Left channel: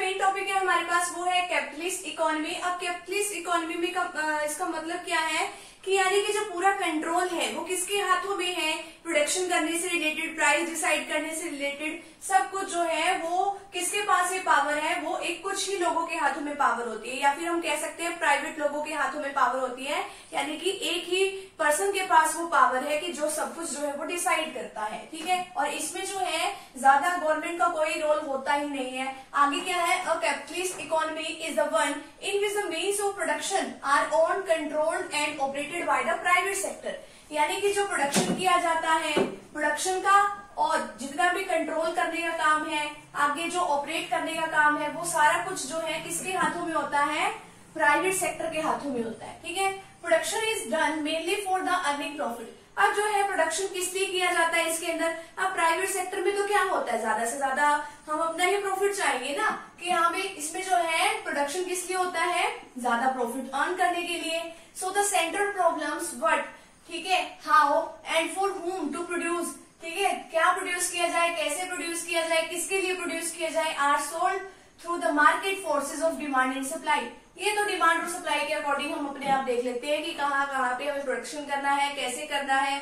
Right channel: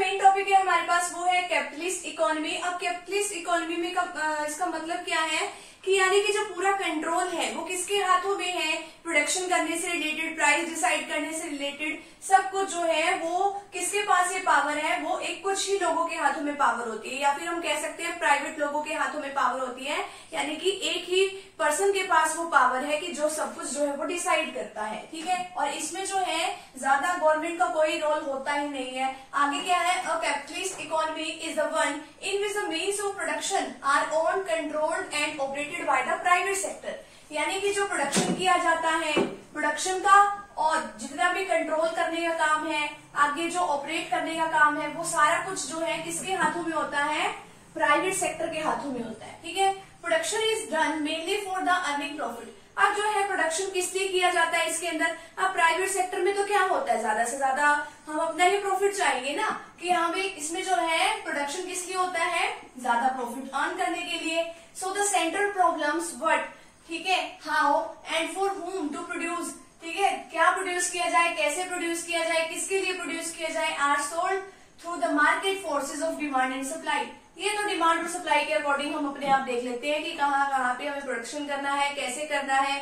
Main topic है हमारे पास वो है कैपिटलिस्ट इकोनॉमी। अब कैपिटलिस्ट इकोनॉमी में इसका मतलब क्या है कि यानी कि जो पूरा कंट्रोल है वो किसके हाथों में है, प्रोडक्शन करने से रिलेटेड, प्राइस डिसाइड करने से रिलेटेड सब कुछ जो है वो किसके पास ये पावर है, वो एक कुछ ही लोगों के हाथों में पावर होती है, या फिर हम कह सकते हैं प्राइवेट लोगों के हाथों में पावर होती है। यानी कि एक ही पर्सन के पास वो पावर है कि जो सब कुछ जो है वो डिसाइड करता है, ठीक है। और इसमें जो है ज्यादा गवर्नमेंट का कोई रोल होता ही नहीं है। आगे क्या है, a capitalist economy is the one in which the means of production our own, controlled and operated by the private sector. यानी कि जो प्रोडक्शन किया जाता है, प्रोडक्शन का और जितना भी कंट्रोल करने का काम है, आगे जो ऑपरेट करने का काम है, वो सारा कुछ जो है किसके हाथों में होता है, प्राइवेट सेक्टर के हाथों में होता है, ठीक है। Production is done mainly for the earning profit. अब जो है प्रोडक्शन किस लिए किया जाता है इसके अंदर, अब प्राइवेट सेक्टर में तो क्या होता है, ज्यादा से ज्यादा हम अपना ही प्रॉफिट चाहेंगे ना, कि हमें इसमें जो है प्रोडक्शन किस लिए होता है, ज्यादा प्रॉफिट अर्न करने के लिए। So the central problems what, ठीक है, how and for whom to produce, ठीक है, क्या प्रोड्यूस किया जाए, कैसे प्रोड्यूस किया जाए, किसके लिए प्रोड्यूस किया जाए, are sold through the market forces of demand and supply. ये तो डिमांड और सप्लाई के अकॉर्डिंग हम अपने आप देख लेते हैं कि कहाँ कहाँ पे हमें प्रोडक्शन करना है, कैसे करना है,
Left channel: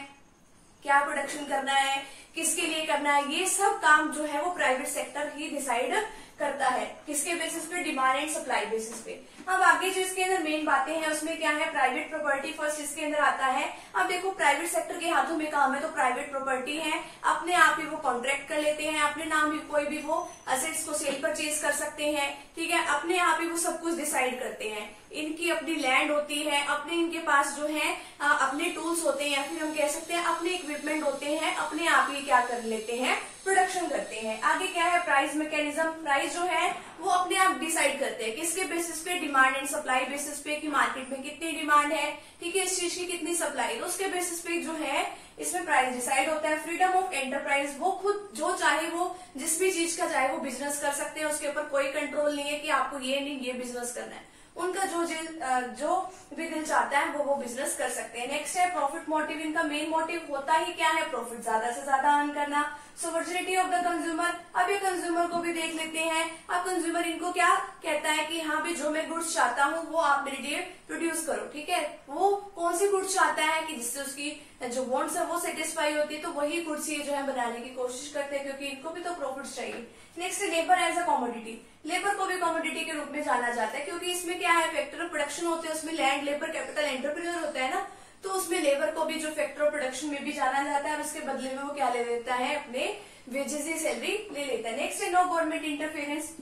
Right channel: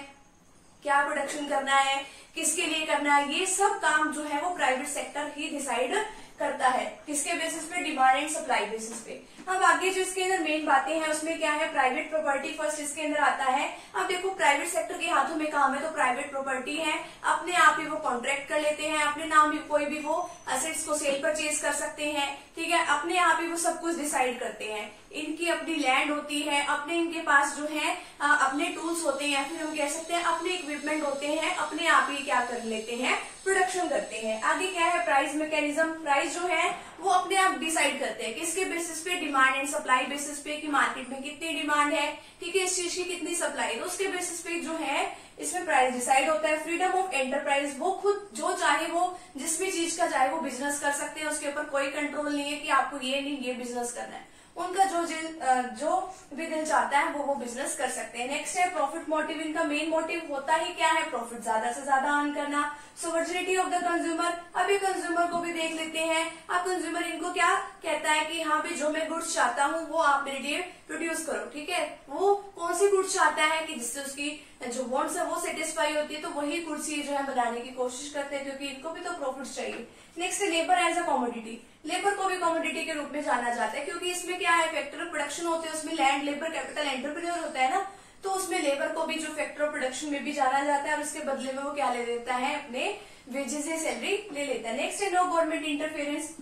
क्या प्रोडक्शन करना है, किसके लिए करना है, ये सब काम जो है वो प्राइवेट सेक्टर ही डिसाइड करता है। किसके बेसिस पे, डिमांड एंड सप्लाई बेसिस पे। अब आगे जो इसके अंदर मेन बातें हैं उसमें क्या है, प्राइवेट प्रॉपर्टी फर्स्ट इसके अंदर आता है। अब देखो प्राइवेट सेक्टर के हाथों में काम है तो प्राइवेट प्रॉपर्टी है, अपने आप ही वो कॉन्ट्रैक्ट कर लेते हैं, अपने नाम भी कोई भी वो असेट्स को सेल परचेज कर सकते हैं, ठीक है, अपने आप ही वो सब कुछ डिसाइड करते हैं। इनकी अपनी लैंड होती है, अपने इनके पास जो है अपने टूल्स होते हैं, या फिर हम कह सकते हैं अपने इक्विपमेंट होते हैं, अपने आप ही क्या कर लेते हैं, प्रोडक्शन करते हैं। आगे क्या है, प्राइस मैकेनिज्म। प्राइस जो है वो अपने आप डिसाइड करते हैं, किसके बेसिस पे, डिमांड एंड सप्लाई बेसिस पे, कि मार्केट में कितनी डिमांड है, ठीक है, इस चीज की कितनी सप्लाई, तो उसके बेसिस पे जो है इसमें प्राइस डिसाइड होता है। फ्रीडम ऑफ एंटरप्राइज, वो खुद जो चाहे वो जिस भी चीज का चाहे वो बिजनेस कर सकते हैं, उसके ऊपर कोई कंट्रोल नहीं है कि आपको ये नहीं ये बिजनेस करना है, उनका जो भी दिल चाहता है वो बिजनेस कर सकते हैं। नेक्स्ट है प्रॉफिट मोटिव। इनका मेन मोटिव होता ही क्या है, प्रॉफिट ज्यादा से ज्यादा अर्न करना। सोवर्जिनिटी ऑफ द कंज्यूमर, अभी कंज्यूमर को भी देख लेते हैं। अब कंज्यूमर इनको क्या कहता है कि हाँ भी जो मैं गुड्स चाहता हूँ वो आप मेरे लिए प्रोड्यूस करो, ठीक है। वो कौन सी गुड्स चाहता है कि जिससे उसकी जो वांट्स है वो सेटिस्फाई होती है, तो वही गुड्स ये जो है बनाने की कोशिश करते हैं, क्योंकि इनको भी तो प्रॉफिट चाहिए। नेक्स्ट है labour as a commodity. Labour को भी कमोडिटी के रूप में जाना जाता है, क्योंकि इसमें क्या है, फैक्टर ऑफ प्रोडक्शन होते हैं, उसमें लैंड, लेबर, कैपिटल, एंटरप्रेन्योर होता है ना, तो उसमें लेबर को भी जो फैक्टर ऑफ प्रोडक्शन में भी जाना जाता है, और उसके बदले में वो क्या ले लेता है, अपने वेजेस या सैलरी ले लेता है। नेक्स्ट है नो गवर्नमेंट इंटरफेरेंस।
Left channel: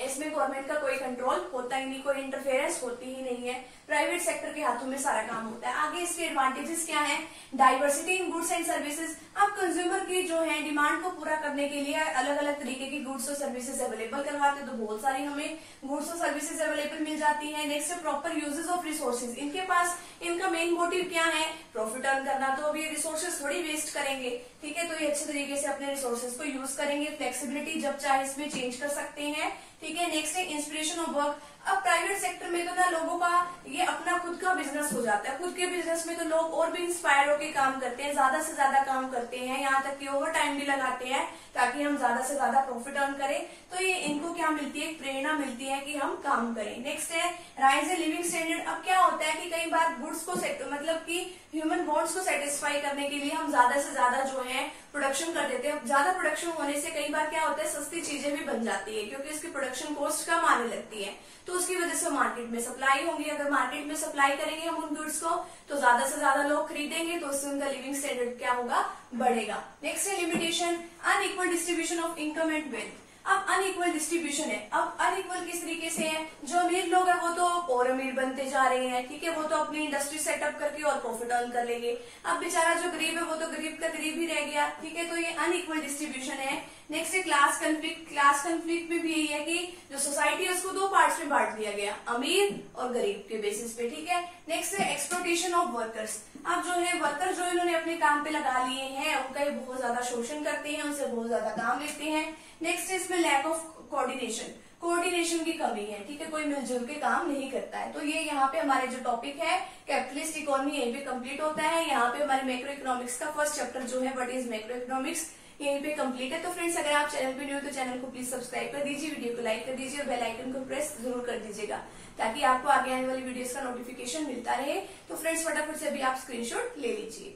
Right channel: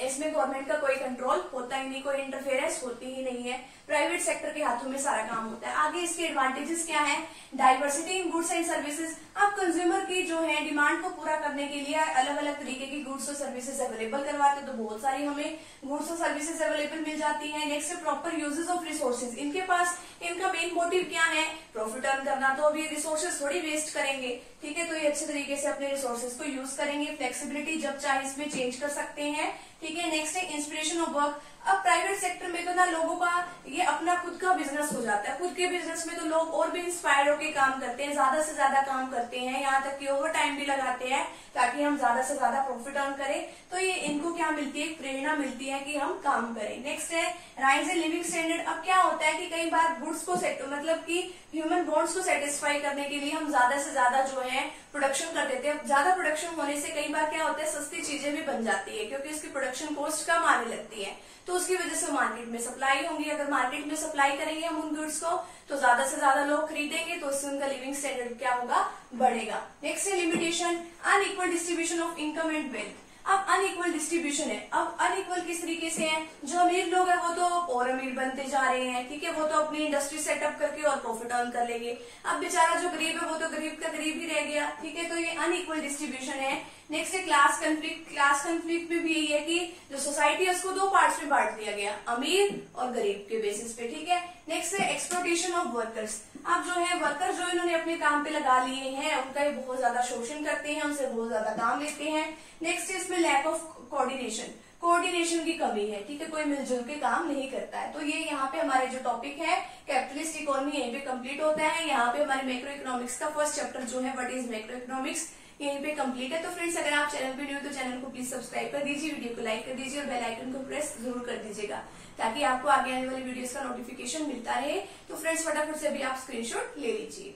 इसमें गवर्नमेंट का कोई कंट्रोल होता ही नहीं, कोई इंटरफेरेंस होती ही नहीं है, प्राइवेट सेक्टर के हाथों में सारा काम होता है। आगे इसके एडवांटेजेस क्या है, diversity in goods and services. अब कंज्यूमर की जो है डिमांड को पूरा करने के लिए अलग अलग तरीके की गुड्स और सर्विसेज अवेलेबल करवाते हैं, तो बहुत सारी हमें गुड्स और सर्विसेज अवेलेबल मिल जाती है। नेक्स्ट है प्रॉपर यूजेस ऑफ रिसोर्सेज। इनके पास इनका मेन मोटिव क्या है, प्रॉफिट अर्न करना, तो अभी रिसोर्सेज थोड़ी वेस्ट करेंगे, ठीक है, तो ये अच्छे तरीके से अपने रिसोर्सेज को यूज करेंगे। फ्लेक्सिबिलिटी, जब चाहे इसमें चेंज कर सकते हैं, ठीक है। नेक्स्ट है इंस्पिरेशन ऑफ वर्क। अब प्राइवेट सेक्टर में तो ना लोगों का ये अपना खुद का बिजनेस हो जाता है, खुद के बिजनेस में तो लोग और भी इंस्पायर होकर काम करते हैं, ज्यादा से ज्यादा काम करते हैं, यहाँ तक कि ओवर टाइम भी लगाते हैं ताकि हम ज्यादा से ज्यादा प्रॉफिट अर्न करें। तो ये इनको क्या मिलती है, प्रेरणा मिलती है कि हम काम करें। नेक्स्ट है राइज इन लिविंग स्टैंडर्ड। अब क्या होता है कि कई बार गुड्स को मतलब कि ह्यूमन वांट्स को सेटिस्फाई करने के लिए हम ज्यादा से ज्यादा जो है प्रोडक्शन कर देते हैं। ज्यादा प्रोडक्शन होने से कई बार क्या होता है, सस्ती चीजें भी बन जाती है, क्योंकि उसकी प्रोडक्शन कॉस्ट कम आने लगती है, तो उसकी वजह से मार्केट में सप्लाई होंगी। अगर मार्केट में सप्लाई करेंगे हम उन गुड्स को, तो ज्यादा से ज्यादा लोग खरीदेंगे, तो उससे उनका लिविंग स्टैंडर्ड क्या होगा, बढ़ेगा। नेक्स्ट है limitation, unequal distribution of income and wealth. अब अनइक्वल डिस्ट्रीब्यूशन है। अब अनइक्वल किस तरीके से है, जो अमीर लोग हैं वो तो और अमीर बनते जा रहे हैं, ठीक है, वो तो अपनी इंडस्ट्री सेटअप करके और प्रॉफिट अर्न कर लेंगे। अब बेचारा जो गरीब है वो तो गरीब का गरीब ही रह गया, ठीक है, तो ये अनइक्वल डिस्ट्रीब्यूशन है। नेक्स्ट है क्लास कंफ्लिक्ट। क्लास कंफ्लिक्ट में भी यही है कि जो सोसाइटी है उसको दो पार्ट्स में बांट दिया गया, अमीर और गरीब के बेसिस पे, ठीक है। नेक्स्ट है एक्सप्लॉयटेशन ऑफ वर्कर्स। अब जो है वर्कर जो इन्होंने अपने काम पे लगा लिए हैं उनका ये बहुत ज्यादा शोषण करते हैं, उनसे बहुत ज्यादा काम लेते हैं। नेक्स्ट है इसमें लैक ऑफ कोऑर्डिनेशन की कमी है, ठीक है, कोई मिलजुल के काम नहीं करता है। तो ये यहाँ पे हमारे जो टॉपिक है कैपिटलिस्ट इकोनॉमी यहीं पे कंप्लीट होता है। यहाँ पे हमारे मैक्रो इकोनॉमिक्स का फर्स्ट चैप्टर जो है व्हाट इज मैक्रो इकोनॉमिक्स, यहीं पे कंप्लीट है। तो फ्रेंड्स अगर आप चैनल पे न्यू तो चैनल को प्लीज सब्सक्राइब कर दीजिए, वीडियो को लाइक कर दीजिए और बेल आइकन को प्रेस जरूर कर दीजिएगा ताकि आपको आगे आने वाली वीडियोस का नोटिफिकेशन मिलता रहे। तो फ्रेंड्स फटाफट से अभी आप स्क्रीनशॉट ले लीजिए।